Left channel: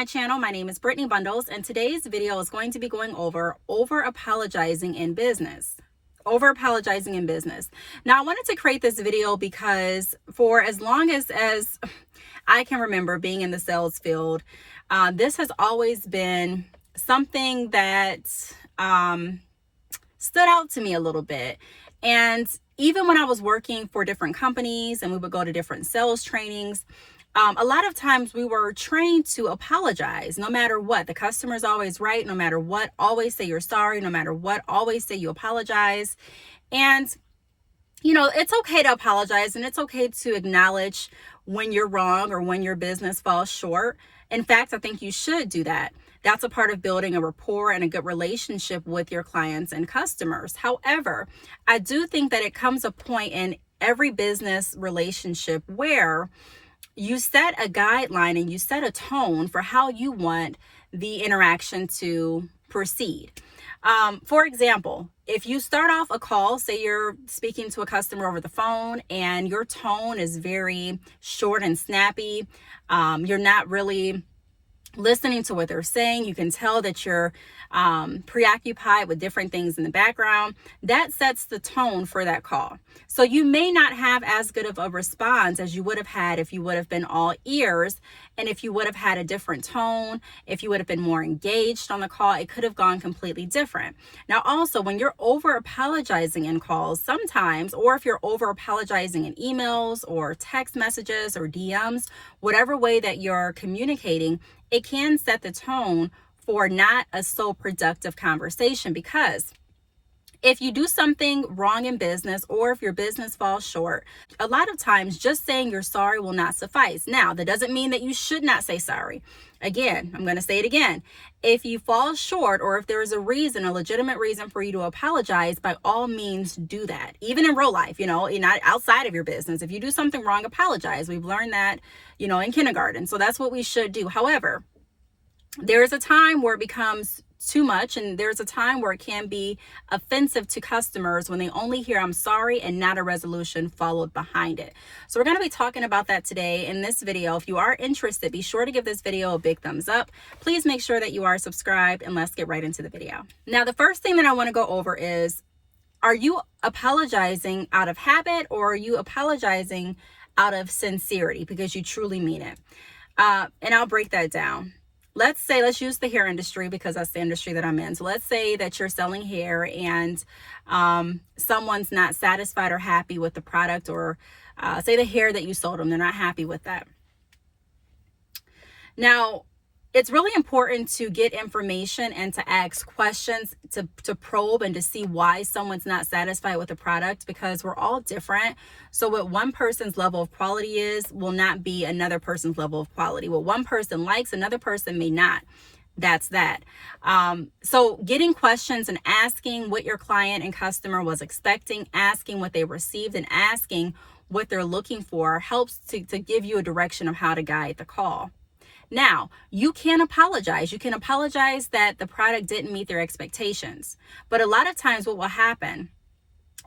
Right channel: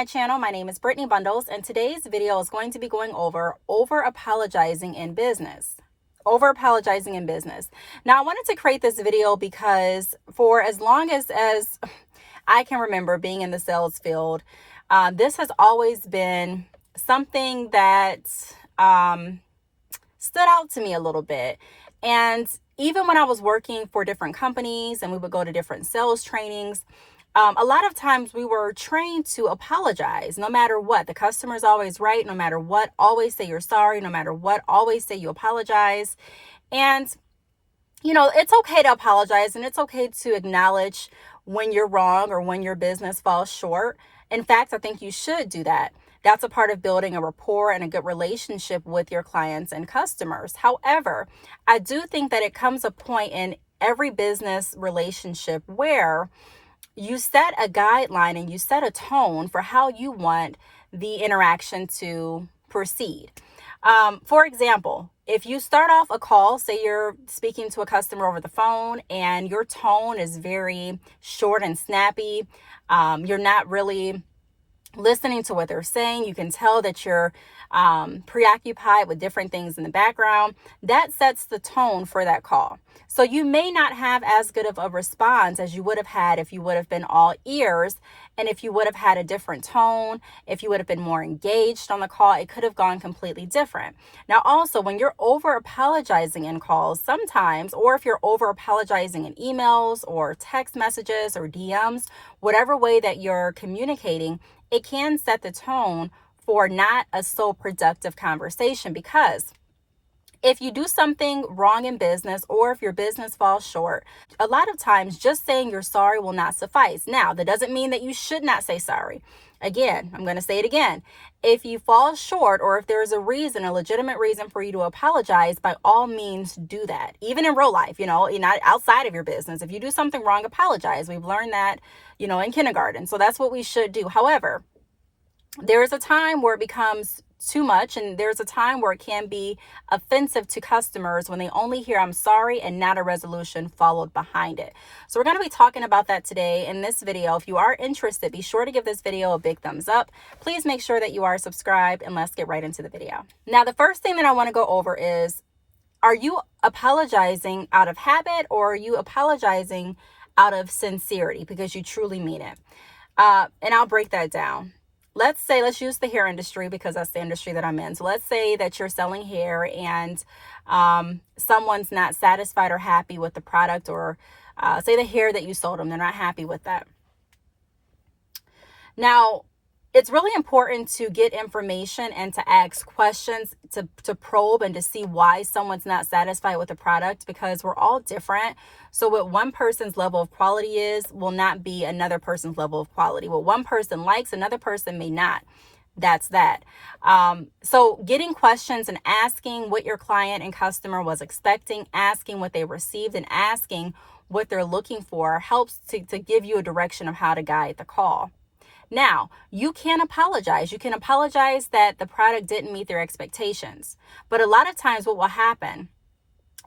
my channel. My name is Brittney Bundles, and today's video is going to be going over apologizing in business. Over apologizing in business. Now, I wanted to create this video because for as long as I can remember being in the sales field, this has always been something that stood out to me a little bit. And even when I was working for different companies and we would go to different sales trainings, a lot of times we were trained to apologize no matter what. The customer's always right, no matter what. Always say you're sorry, no matter what. Always say you apologize. And, it's okay to apologize, and it's okay to acknowledge when you're wrong or when your business falls short. In fact, I think you should do that. That's a part of building a rapport and a good relationship with your clients and customers. However, I do think that it comes a point in every business relationship where you set a guideline and you set a tone for how you want the interaction to proceed. For example, if you start off a call, say you're speaking to a customer over the phone and your tone is very short and snappy, you're not really listening to what they're saying. You can tell that you're preoccupied with different things in the background. That sets the tone for that call. So you may not have as good of a response as you would have had if you would have been all ears, and if you would have had a different tone, if you would have been more engaged on the call, it could have gone completely different. Now, also, when you're over apologizing in calls sometimes, or if you're over apologizing in emails or text messages or DMs, whatever way that you're communicating, it can set the tone for not a so productive conversation. Because if you do something wrong in business, or if your business falls short, a lot of times just saying you're sorry will not suffice. Now, that doesn't mean that you should not say sorry. Again, I'm going to say it again. If you fall short, or if there is a reason, a legitimate reason for you to apologize, by all means do that. Even in real life, not outside of your business. If you do something wrong, apologize. We've learned that, in kindergarten. So that's what we should do. However, there is a time where it becomes too much, and there's a time where it can be offensive to customers when they only hear "I'm sorry" and not a resolution followed behind it. So we're going to be talking about that today in this video. If you are interested, be sure to give this video a big thumbs up. Please make sure that you are subscribed, and let's get right into the video. Now, the first thing that I want to go over is, are you apologizing out of habit, or are you apologizing out of sincerity because you truly mean it? And I'll break that down. Let's use the hair industry because that's the industry that I'm in. So let's say that you're selling hair and someone's not satisfied or happy with the product, or say the hair that you sold them, they're not happy with that. Now, it's really important to get information and to ask questions, to probe and to see why someone's not satisfied with the product, because we're all different. So what one person's level of quality is will not be another person's level of quality. What one person likes, another person may not. That's that. So getting questions and asking what your client and customer was expecting, asking what they received, and asking what they're looking for helps to give you a direction of how to guide the call. Now, you can apologize. You can apologize that the product didn't meet their expectations. But a lot of times what will happen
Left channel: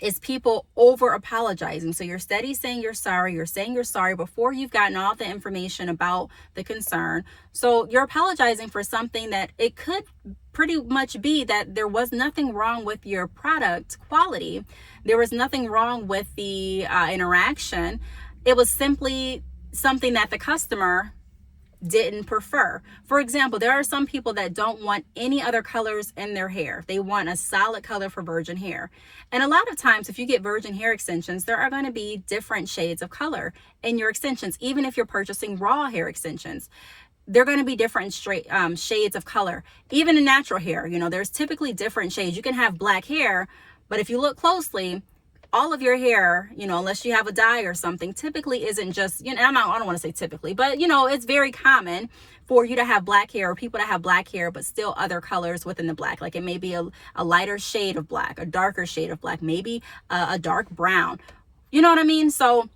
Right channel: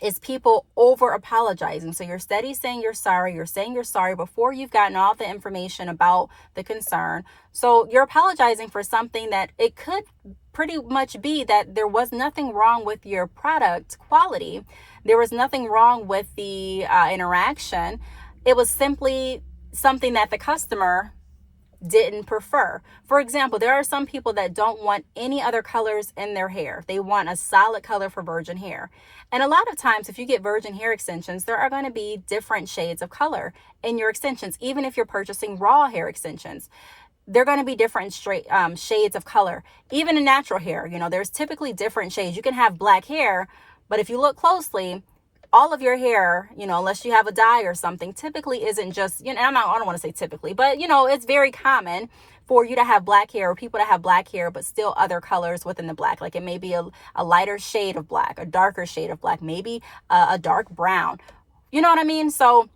is people over apologizing. So you're steady saying you're sorry. You're saying you're sorry before you've gotten all the information about the concern. So you're apologizing for something that it could pretty much be that there was nothing wrong with your product quality. There was nothing wrong with the interaction. It was simply something that the customer didn't prefer. For example, there are some people that don't want any other colors in their hair. They want a solid color for virgin hair. And a lot of times, if you get virgin hair extensions, there are going to be different shades of color in your extensions. Even if you're purchasing raw hair extensions, they're going to be different shades of color. Even in natural hair, there's typically different shades. You can have black hair, but if you look closely, all of your hair, unless you have a dye or something, typically isn't just, I don't want to say typically, but, it's very common for you to have black hair, or people to have black hair, but still other colors within the black. Like it may be a lighter shade of black, a darker shade of black, maybe a dark brown. You know what I mean? So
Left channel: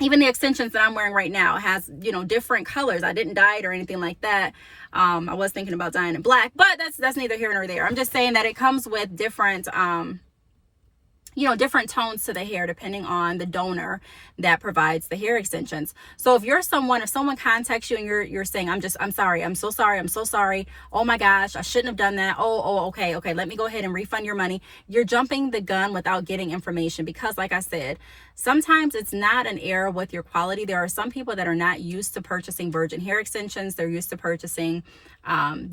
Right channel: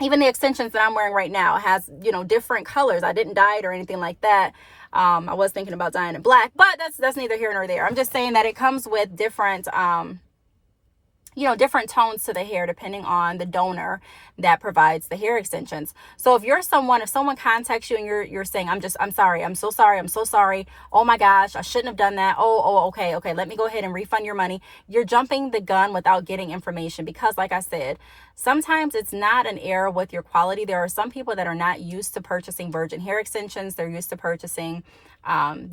even the extensions that I'm wearing right now has, different colors. I didn't dye it or anything like that. I was thinking about dyeing it black, but that's neither here nor there. I'm just saying that it comes with different, different tones to the hair depending on the donor that provides the hair extensions. So if someone contacts you and you're saying, I'm sorry, I'm so sorry. Oh my gosh, I shouldn't have done that. Okay. Let me go ahead and refund your money. You're jumping the gun without getting information, because like I said, sometimes it's not an error with your quality. There are some people that are not used to purchasing virgin hair extensions. They're used to purchasing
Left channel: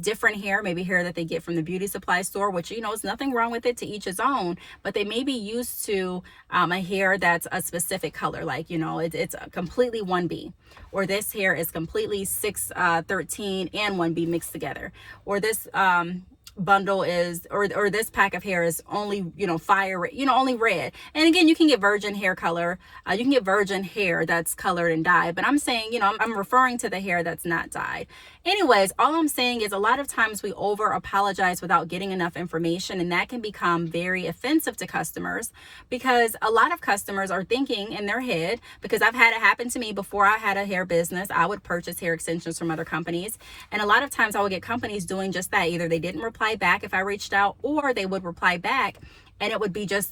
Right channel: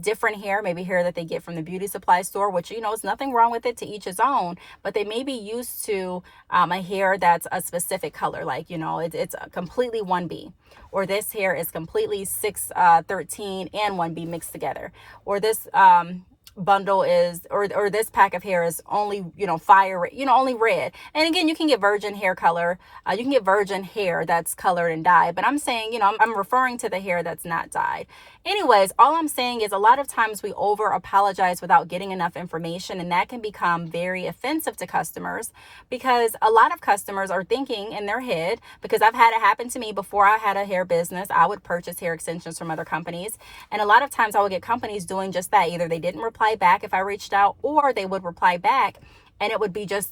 different hair, maybe hair that they get from the beauty supply store, which, is nothing wrong with it, to each his own, but they may be used to a hair that's a specific color, like, it's a completely 1B, or this hair is completely 613 and 1B mixed together, or this bundle is, or this pack of hair is only, fire, only red. And again, you can get virgin hair color. You can get virgin hair that's colored and dyed, but I'm saying, I'm referring to the hair that's not dyed. Anyways, all I'm saying is a lot of times we over apologize without getting enough information, and that can become very offensive to customers, because a lot of customers are thinking in their head, because I've had it happen to me before I had a hair business. I would purchase hair extensions from other companies, and a lot of times I would get companies doing just that. Either they didn't reply back if I reached out, or they would reply back and it would be just,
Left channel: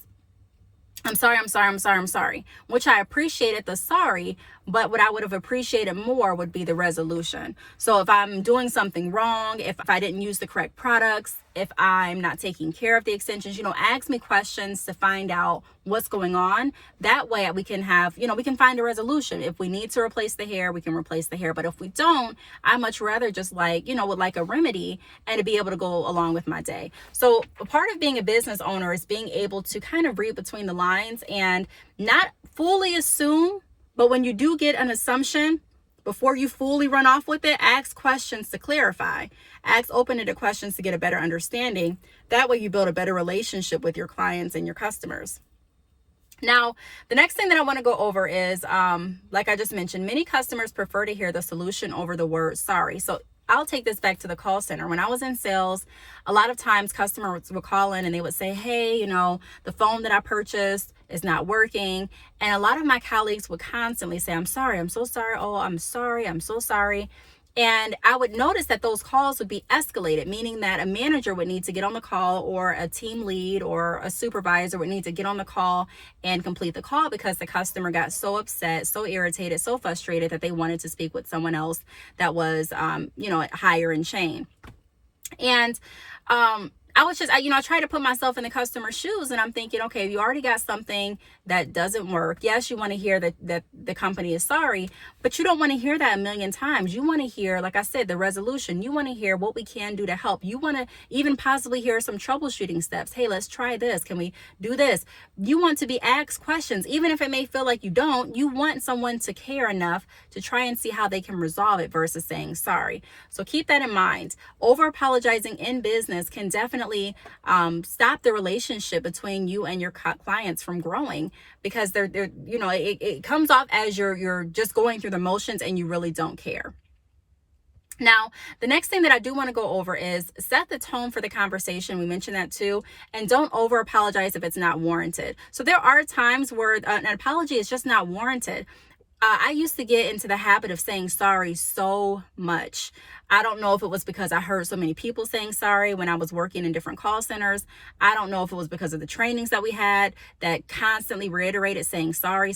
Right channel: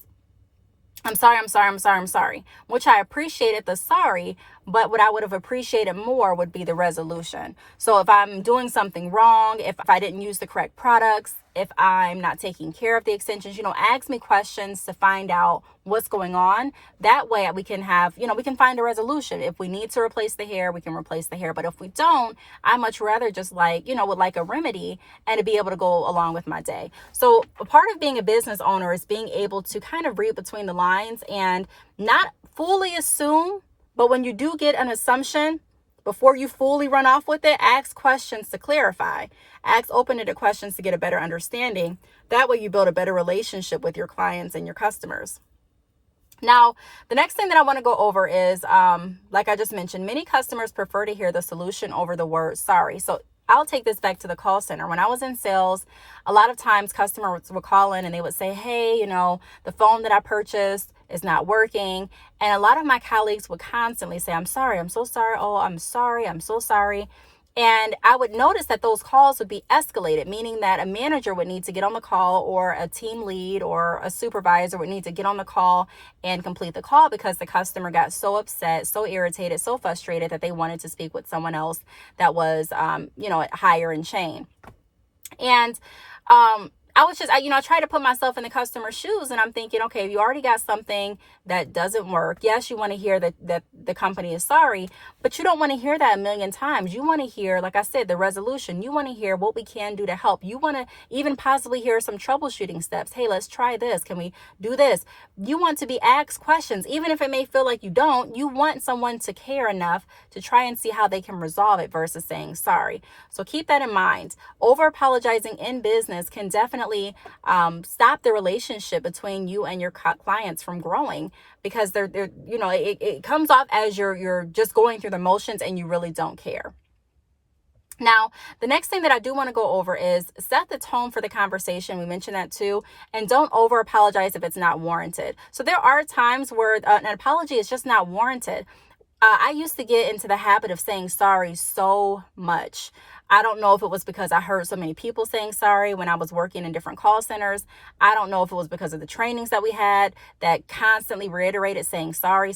I'm sorry, which I appreciated the sorry, but what I would have appreciated more would be the resolution. So if I'm doing something wrong, if I didn't use the correct products, if I'm not taking care of the extensions, ask me questions to find out what's going on. That way we can have, we can find a resolution. If we need to replace the hair, we can replace the hair. But if we don't, I much rather just would like a remedy and to be able to go along with my day. So a part of being a business owner is being able to kind of read between the lines and not fully assume. But when you do get an assumption, before you fully run off with it, ask questions to clarify. Ask open-ended questions to get a better understanding. That way you build a better relationship with your clients and your customers. Now, the next thing that I want to go over is, like I just mentioned, many customers prefer to hear the solution over the word sorry. So I'll take this back to the call center. When I was in sales, a lot of times customers would call in and they would say, hey, the phone that I purchased is not working. And a lot of my colleagues would constantly say, I'm sorry, I'm so sorry. Oh, I'm sorry, I'm so sorry. And I would notice that those calls would be escalated, meaning that a manager would need to get on the call, or a team lead or a supervisor would need to get on the call and complete the call, because the customer got so upset, so irritated, so frustrated that they wanted to speak with someone else that was, higher in chain. And I was just, I try to put myself in the customer's shoes, and I'm thinking, okay, if you already got something that doesn't work, yes, you want to hear that the company is sorry, but you don't want to hear that a million times. You want to hear, like I said, the resolution. You want to hear what we can do to help. You want to even possibly hear some troubleshooting steps. Hey, let's try this. Can we do this? You want to be asked questions, even if it may feel like you don't. You want someone to care enough to try and see how they can resolve it versus saying sorry. So keep that in mind. Over apologizing in business can definitely stop the relationship between you and your clients from growing, because it comes off as you're just going through the motions and you really don't care. Now, the next thing that I do want to go over is set the tone for the conversation. We mentioned that too. And don't over apologize if it's not warranted. So there are times where an apology is just not warranted. I used to get into the habit of saying sorry so much. I don't know if it was because I heard so many people saying sorry when I was working in different call centers. I don't know if it was because of the trainings that we had that constantly reiterated saying sorry.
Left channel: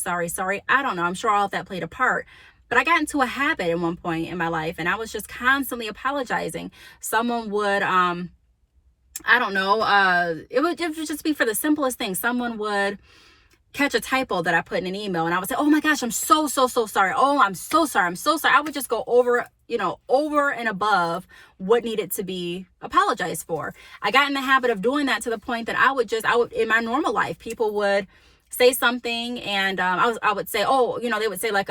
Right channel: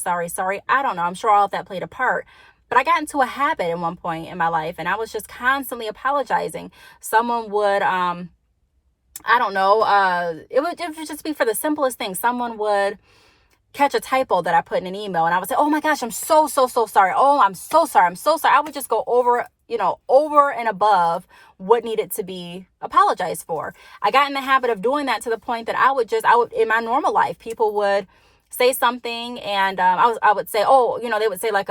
I don't know. I'm sure all of that played a part. But I got into a habit at one point in my life, and I was just constantly apologizing. Someone would, it would just be for the simplest thing. Someone would catch a typo that I put in an email, and I would say, oh my gosh, I'm so sorry. Oh, I'm so sorry. I would just go over and above what needed to be apologized for. I got in the habit of doing that to the point that I would in my normal life, people would say something, and I would say, they would say like,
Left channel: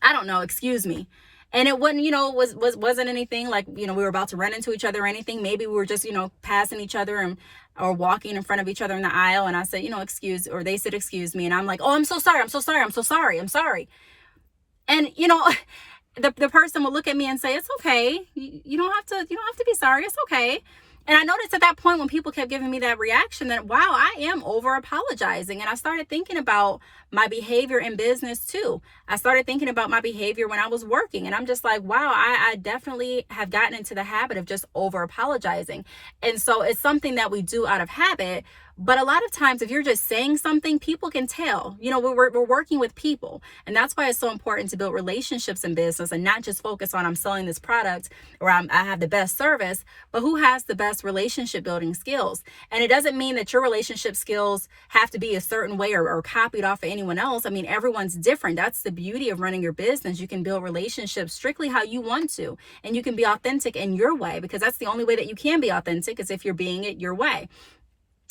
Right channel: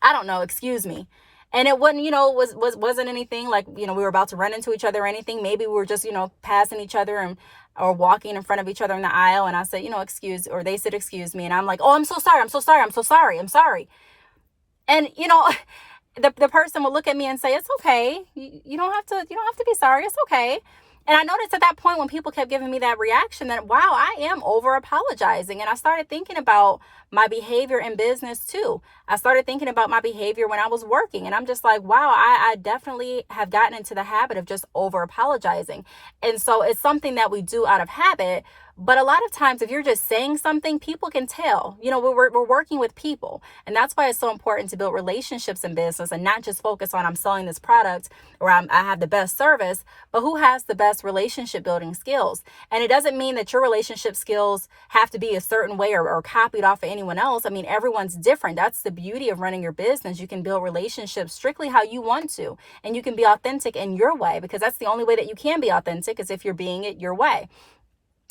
I don't know, excuse me. And it wouldn't, wasn't anything like, we were about to run into each other or anything. Maybe we were just, passing each other or walking in front of each other in the aisle. And I said, or they said, excuse me. And I'm like, oh, I'm so sorry. I'm sorry. And, the person would look at me and say, it's okay. You don't have to be sorry. It's okay. And I noticed at that point when people kept giving me that reaction that, wow, I am over apologizing. And I started thinking about my behavior in business too. I started thinking about my behavior when I was working. And I'm just like, wow, I definitely have gotten into the habit of just over apologizing. And so it's something that we do out of habit, But a lot of times, if you're just saying something, people can tell. We're working with people. And that's why it's so important to build relationships in business and not just focus on I'm selling this product or I have the best service, but who has the best relationship building skills. And it doesn't mean that your relationship skills have to be a certain way or copied off of anyone else. I mean, everyone's different. That's the beauty of running your business. You can build relationships strictly how you want to, and you can be authentic in your way, because that's the only way that you can be authentic, is if you're being it your way.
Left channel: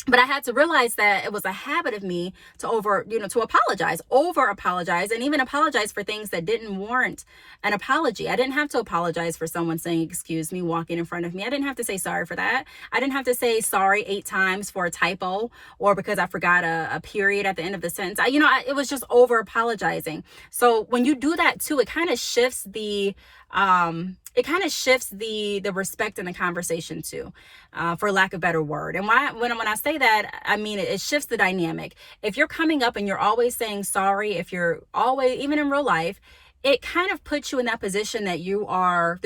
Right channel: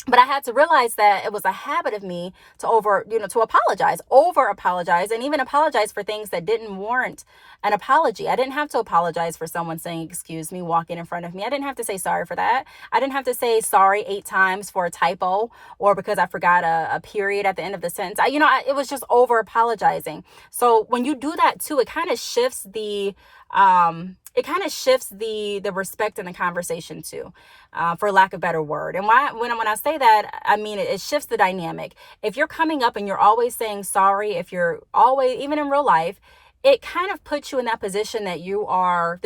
But I had to realize that it was a habit of me to over apologize, and even apologize for things that didn't warrant an apology. I didn't have to apologize for someone saying, excuse me, walking in front of me. I didn't have to say sorry for that. I didn't have to say sorry 8 times for a typo or because I forgot a period at the end of the sentence. It was just over apologizing. So when you do that too, it kind of shifts the respect in the conversation too, for lack of a better word. And when I say that, I mean, it shifts the dynamic. If you're coming up and you're always saying sorry, if you're always, even in real life, it kind of puts you in that position that you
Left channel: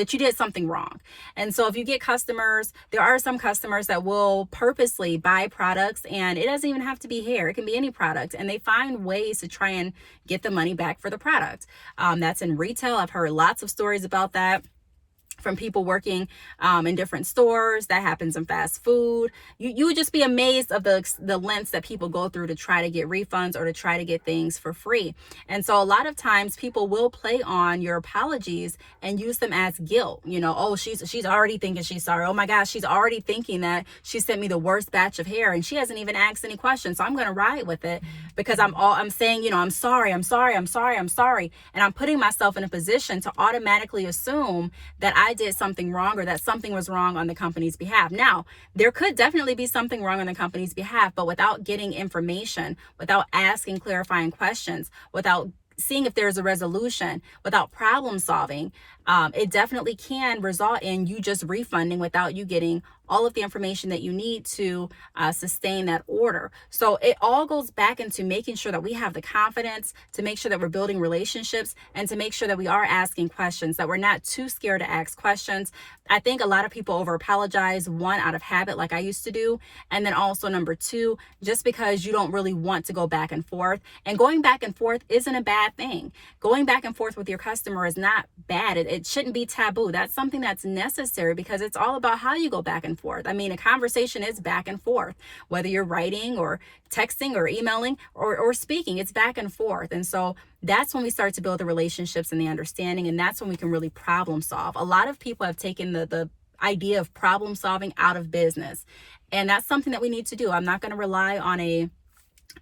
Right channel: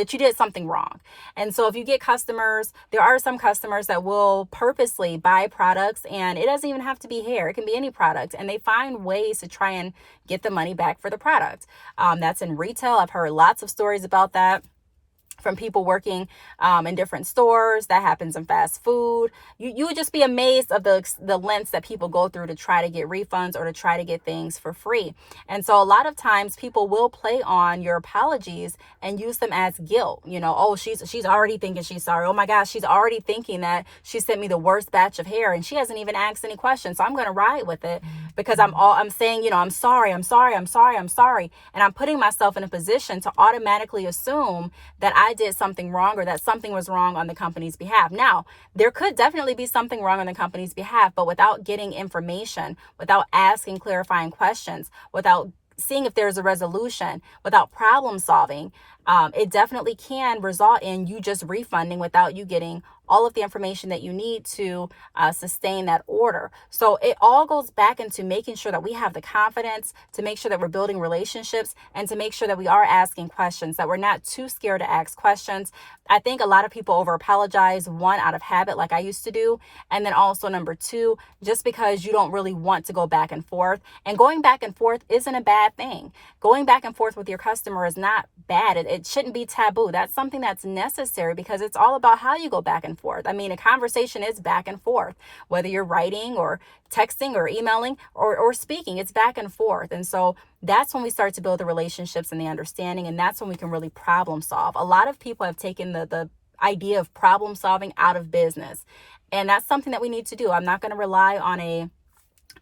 did something wrong. And so if you get customers, there are some customers that will purposely buy products, and it doesn't even have to be hair. It can be any product. And they find ways to try and get the money back for the product. That's in retail. I've heard lots of stories about that from people working in different stores. That happens in fast food. You would just be amazed of the lengths that people go through to try to get refunds or to try to get things for free. And so a lot of times people will play on your apologies and use them as guilt. Oh, she's already thinking she's sorry. Oh my gosh, she's already thinking that she sent me the worst batch of hair and she hasn't even asked any questions. So I'm going to ride with it because I'm saying, I'm sorry. And I'm putting myself in a position to automatically assume that I did something wrong or that something was wrong on the company's behalf. Now, there could definitely be something wrong on the company's behalf, but without getting information, without asking clarifying questions, without seeing if there's a resolution, without problem solving, it definitely can result in you just refunding without you getting all of the information that you need to sustain that order. So it all goes back into making sure that we have the confidence to make sure that we're building relationships and to make sure that we are asking questions, that we're not too scared to ask questions. I think a lot of people over apologize, one, out of habit, like I used to do. And then also number 2, just because you don't really want to go back and forth. And going back and forth isn't a bad thing. Going back and forth with your customer is not bad. It shouldn't be taboo. That's something that's necessary because it's all about how you go back and forth. I mean, a conversation is back and forth, whether you're writing or texting or emailing or speaking, it's back and forth. And so that's when we start to build the relationships and the understanding. And that's when we can really problem solve. A lot of people have taken the idea of problem solving out of business. And that's something that we need to do. I'm not going to rely on a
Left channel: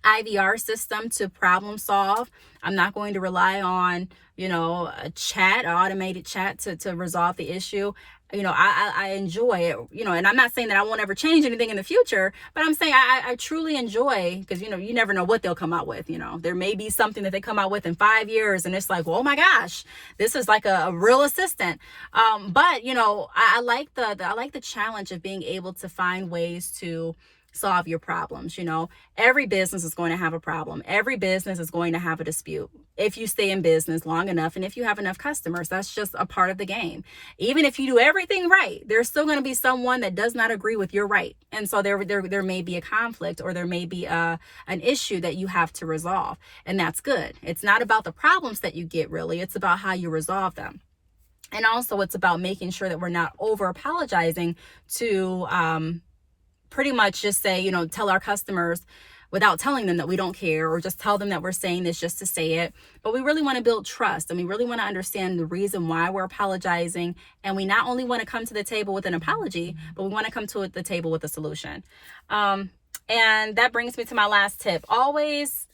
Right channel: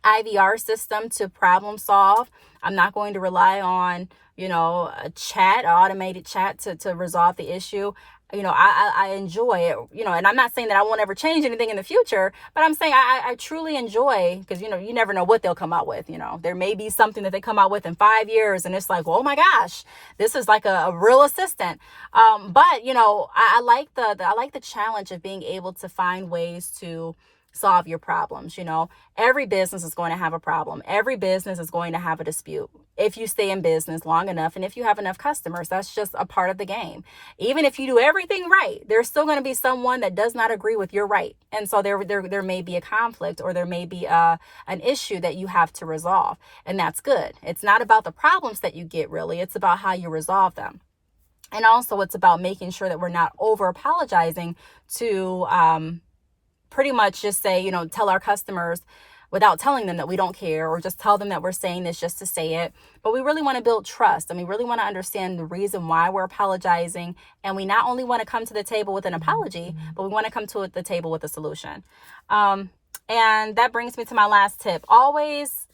IVR system to problem solve. I'm not going to rely on, a chat, an automated chat to resolve the issue. I enjoy it, and I'm not saying that I won't ever change anything in the future, but I'm saying I truly enjoy, because, you never know what they'll come out with. There may be something that they come out with in 5 years and it's like, well, oh my gosh, this is like a real assistant. But, I like the challenge of being able to find ways to solve your problems. Every business is going to have a problem. Every business is going to have a dispute. If you stay in business long enough and if you have enough customers, that's just a part of the game. Even if you do everything right, there's still going to be someone that does not agree with your right. And so there may be a conflict, or there may be an issue that you have to resolve. And that's good. It's not about the problems that you get, really. It's about how you resolve them. And also it's about making sure that we're not over apologizing to, pretty much just say, tell our customers without telling them that we don't care, or just tell them that we're saying this just to say it. But we really want to build trust, and we really want to understand the reason why we're apologizing. And we not only want to come to the table with an apology, but we want to come to the table with a solution. And that brings me to my last tip. Always,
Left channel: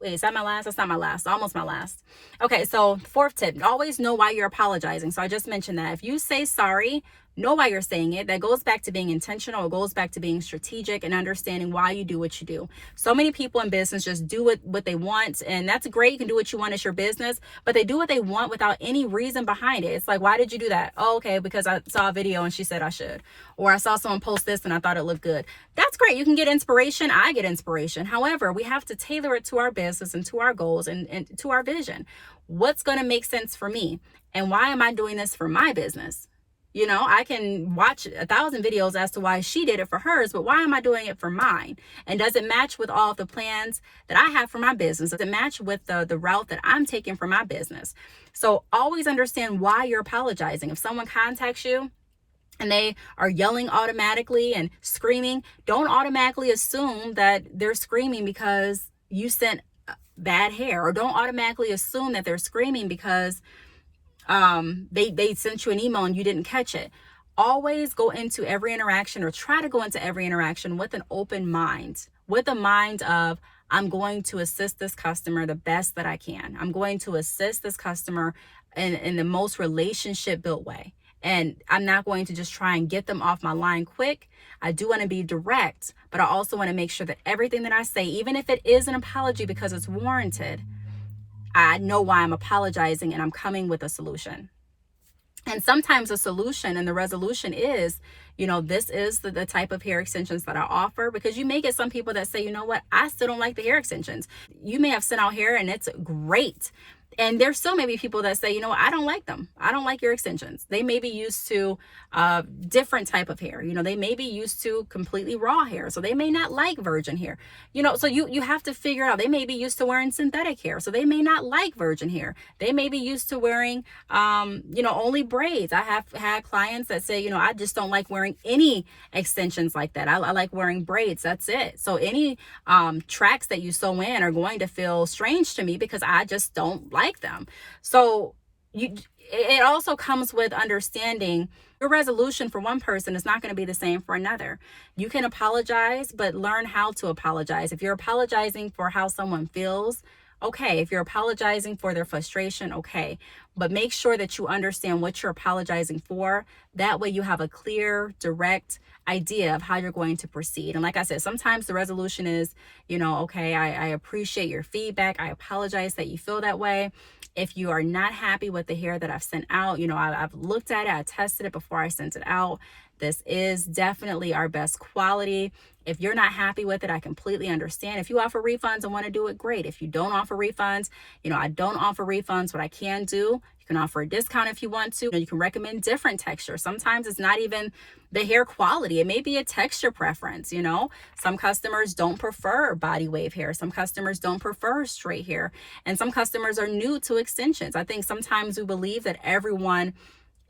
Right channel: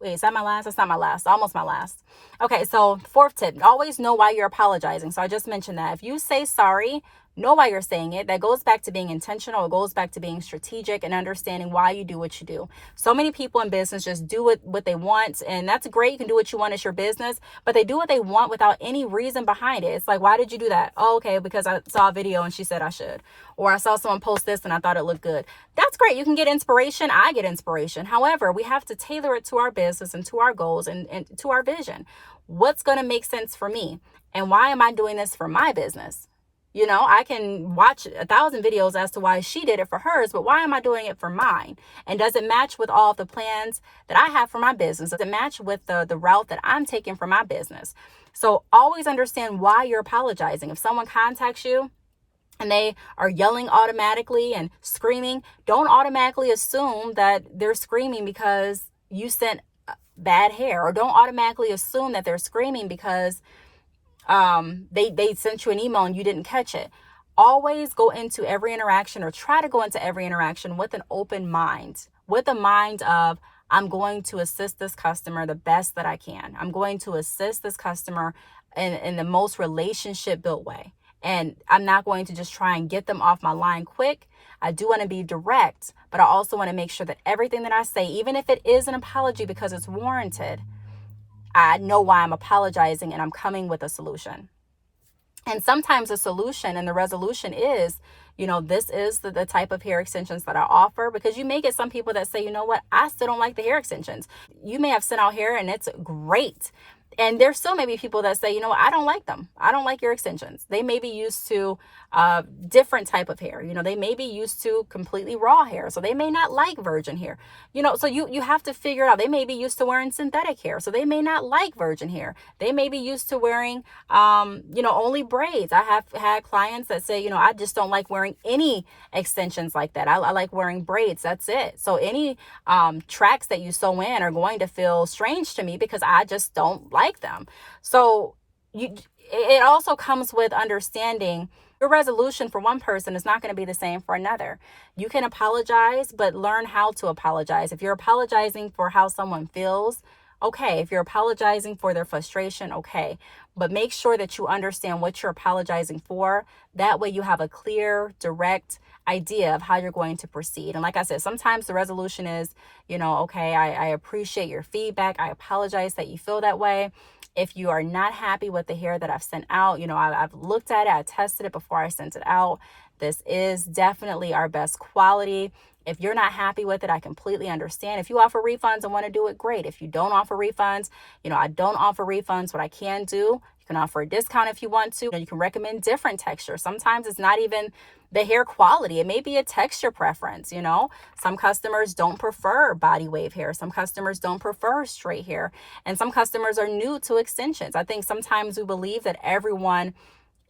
wait, is that my last? That's not my last. Almost my last. Okay, so 4th tip, always know why you're apologizing. So I just mentioned that. If you say sorry, know why you're saying it. That goes back to being intentional. It goes back to being strategic and understanding why you do what you do. So many people in business just do what they want, and that's great. You can do what you want. It's your business, but they do what they want without any reason behind it. It's like, why did you do that? Oh, okay, because I saw a video and she said I should, or I saw someone post this and I thought it looked good. That's great. You can get inspiration. I get inspiration. However, we have to tailor it to our business and to our goals and to our vision. What's going to make sense for me? And why am I doing this for my business? You know, I can watch 1,000 videos as to why she did it for hers, but why am I doing it for mine? And does it match with all of the plans that I have for my business? Does it match with the route that I'm taking for my business? So always understand why you're apologizing. If someone contacts you and they are yelling automatically and screaming, don't automatically assume that they're screaming because you sent bad hair, or don't automatically assume that they're screaming because they sent you an email and you didn't catch it. Always go into every interaction, or try to go into every interaction with an open mind, with a mind of, I'm going to assist this customer the best that I can. I'm going to assist this customer in the most relationship built way. And I'm not going to just try and get them off my line quick. I do want to be direct, but I also want to make sure that everything that I say, even if it is an apology because it's warranted, I know why I'm apologizing and I'm coming with a solution. And sometimes the solution and the resolution is, this is the type of hair extensions that I offer, because you may get some people that say, you know what, I still don't like the hair extensions. You may have sent out hair and it's great. And there still may be people that say, you know what, I don't like them. I don't like your extensions. They may be used to different type of hair. They may be used to completely raw hair. So they may not like virgin hair. So you have to figure out. They may be used to wearing synthetic hair. So they may not like virgin hair. They may be used to wearing, only braids. I have had clients that say, I just don't like wearing any extensions like that. I like wearing braids. That's it. So any tracks that you sew in are going to feel strange to me because I just don't like them. So it also comes with understanding your resolution for one person is not going to be the same for another. You can apologize, but learn how to apologize. If you're apologizing for how someone feels, okay. If you're apologizing for their frustration, okay. But make sure that you understand what you're apologizing for. That way you have a clear, direct idea of how you're going to proceed. And like I said, sometimes the resolution is, okay, I appreciate your feedback. I apologize that you feel that way. If you are not happy with the hair that I've sent out, I've looked at it, I tested it before I sent it out. This is definitely our best quality. If you're not happy with it, I completely understand. If you offer refunds and want to do it, great. If you don't offer refunds, I don't offer refunds. What I can do, you can offer a discount if you want to. You can recommend different textures. Sometimes it's not even the hair quality. It may be a texture preference. Some customers don't prefer body wave hair. Some customers don't prefer straight hair. And some customers are new to extensions. I think sometimes we believe that everyone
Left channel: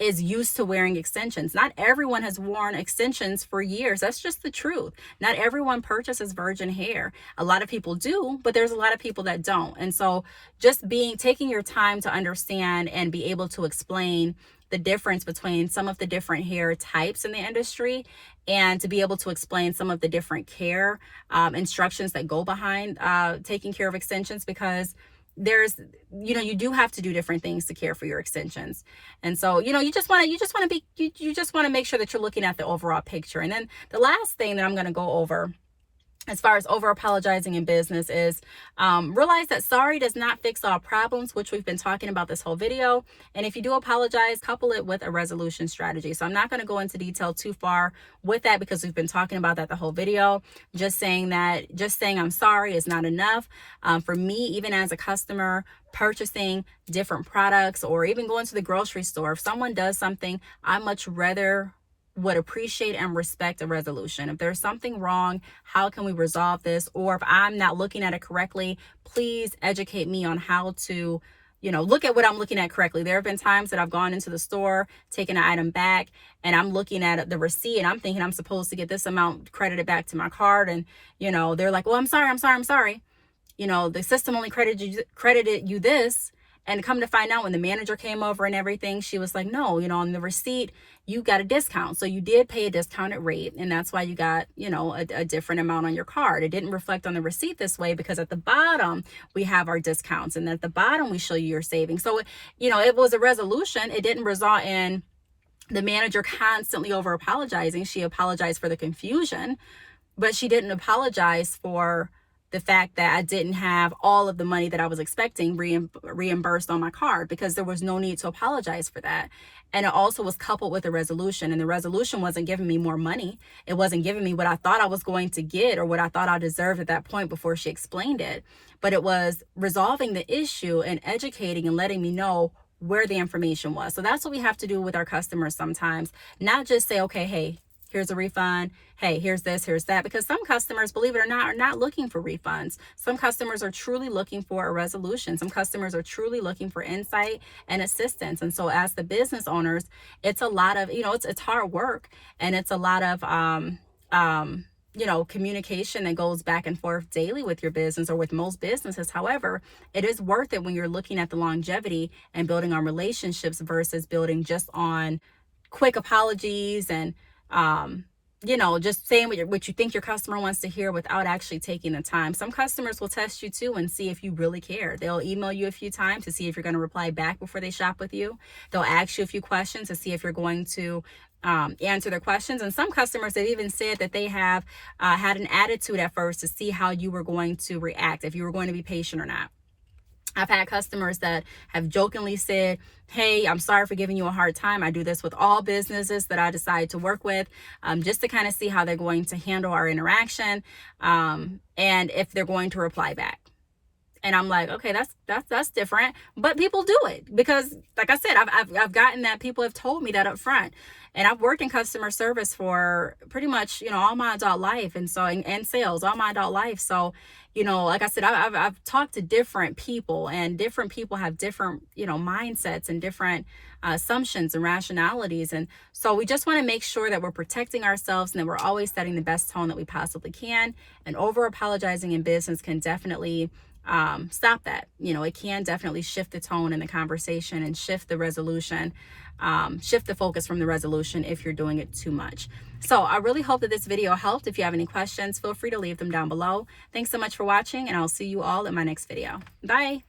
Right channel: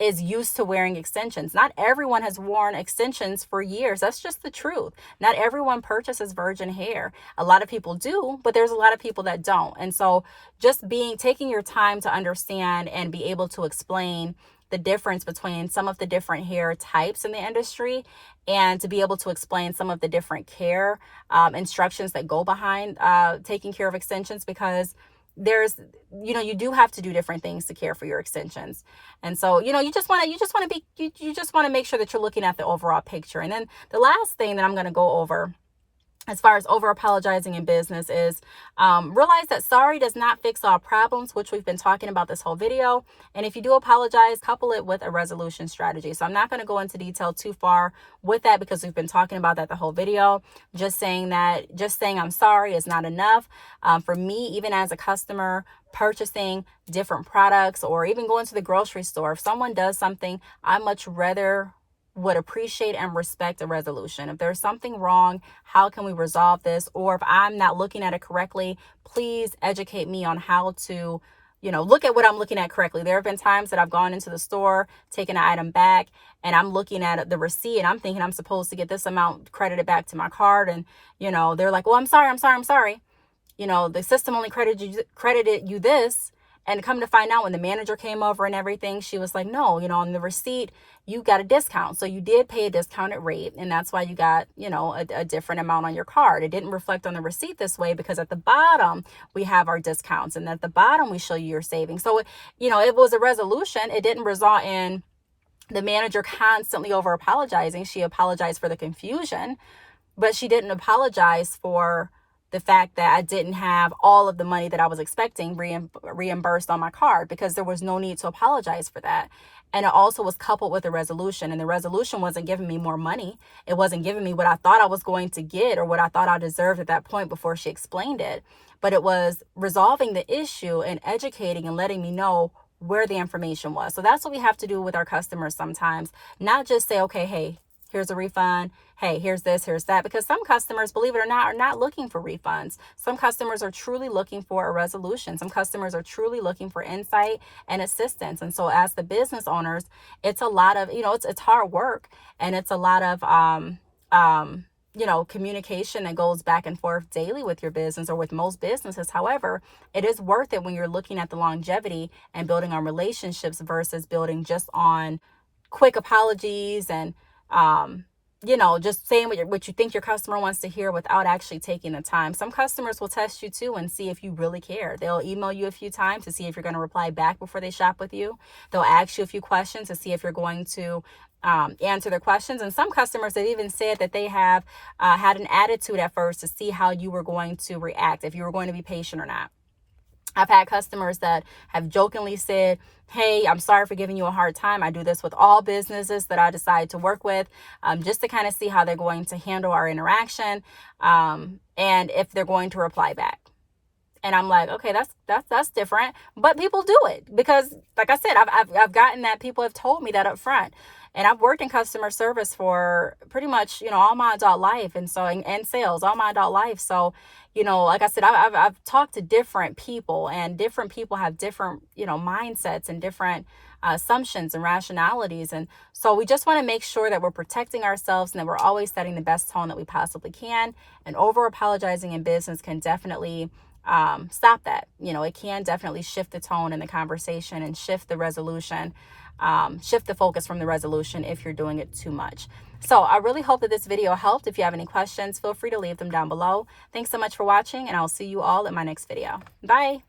is used to wearing extensions. Not everyone has worn extensions for years. That's just the truth. Not everyone purchases virgin hair. A lot of people do, but there's a lot of people that don't. And so just taking your time to understand and be able to explain the difference between some of the different hair types in the industry, and to be able to explain some of the different care instructions that go behind taking care of extensions, because there's, you do have to do different things to care for your extensions. And so, you just want to make sure that you're looking at the overall picture. And then the last thing that I'm going to go over as far as over apologizing in business is realize that sorry does not fix all problems, which we've been talking about this whole video. And if you do apologize, couple it with a resolution strategy. So I'm not going to go into detail too far with that because we've been talking about that the whole video. Just saying I'm sorry is not enough. For me, even as a customer purchasing different products, or even going to the grocery store, if someone does something, I much rather would appreciate and respect a resolution. If there's something wrong, how can we resolve this? Or if I'm not looking at it correctly, please educate me on how to, look at what I'm looking at correctly. There have been times that I've gone into the store, taken an item back, and I'm looking at the receipt and I'm thinking I'm supposed to get this amount credited back to my card. And, they're like, well, I'm sorry. The system only credited you this. And come to find out, when the manager came over and everything, she was like, no, on the receipt, you got a discount. So you did pay a discounted rate. And that's why you got, a different amount on your card. It didn't reflect on the receipt this way because at the bottom, we have our discounts. And at the bottom, we show you your savings. So, it was a resolution. It didn't result in the manager constantly over apologizing. She apologized for the confusion, but she didn't apologize for the fact that I didn't have all of the money that I was expecting reimbursed on my card, because there was no need to apologize for that. And it also was coupled with a resolution, and the resolution wasn't giving me more money. It wasn't giving me what I thought I was going to get or what I thought I deserved at that point before she explained it. But it was resolving the issue and educating and letting me know where the information was. So that's what we have to do with our customers sometimes. Not just say, okay, hey, here's a refund. Hey, here's this, here's that. Because some customers, believe it or not, are not looking for refunds. Some customers are truly looking for a resolution. Some customers are truly looking for insight and assistance. And so as the business owners, it's a lot of, it's hard work, and it's a lot of, communication that goes back and forth daily with your business, or with most businesses. However, it is worth it when you're looking at the longevity and building on relationships versus building just on quick apologies and, just saying what you think your customer wants to hear without actually taking the time. Some customers will test you too and see if you really care. They'll email you a few times to see if you're going to reply back before they shop with you. They'll ask you a few questions to see if you're going to answer their questions. And some customers have even said that they have had an attitude at first to see how you were going to react, if you were going to be patient or not. I've had customers that have jokingly said, hey, I'm sorry for giving you a hard time. I do this with all businesses that I decide to work with, just to kind of see how they're going to handle our interaction, and if they're going to reply back. And I'm like, okay, that's different. But people do it because, like I said, I've gotten that. People have told me that up front. And I've worked in customer service for pretty much, all my adult life. And so, and sales all my adult life. So, like I said, I've talked to different people, and different people have different, mindsets and different assumptions and rationalities. And so we just want to make sure that we're protecting ourselves and that we're always setting the best tone that we possibly can. And over apologizing in business can definitely stop that. It can definitely shift the tone in the conversation and shift the resolution, shift the focus from the resolution if you're doing it too much. So I really hope that this video helped. If you have any questions, feel free to leave them down below. Thanks so much for watching, and I'll see you all in my next video. Bye.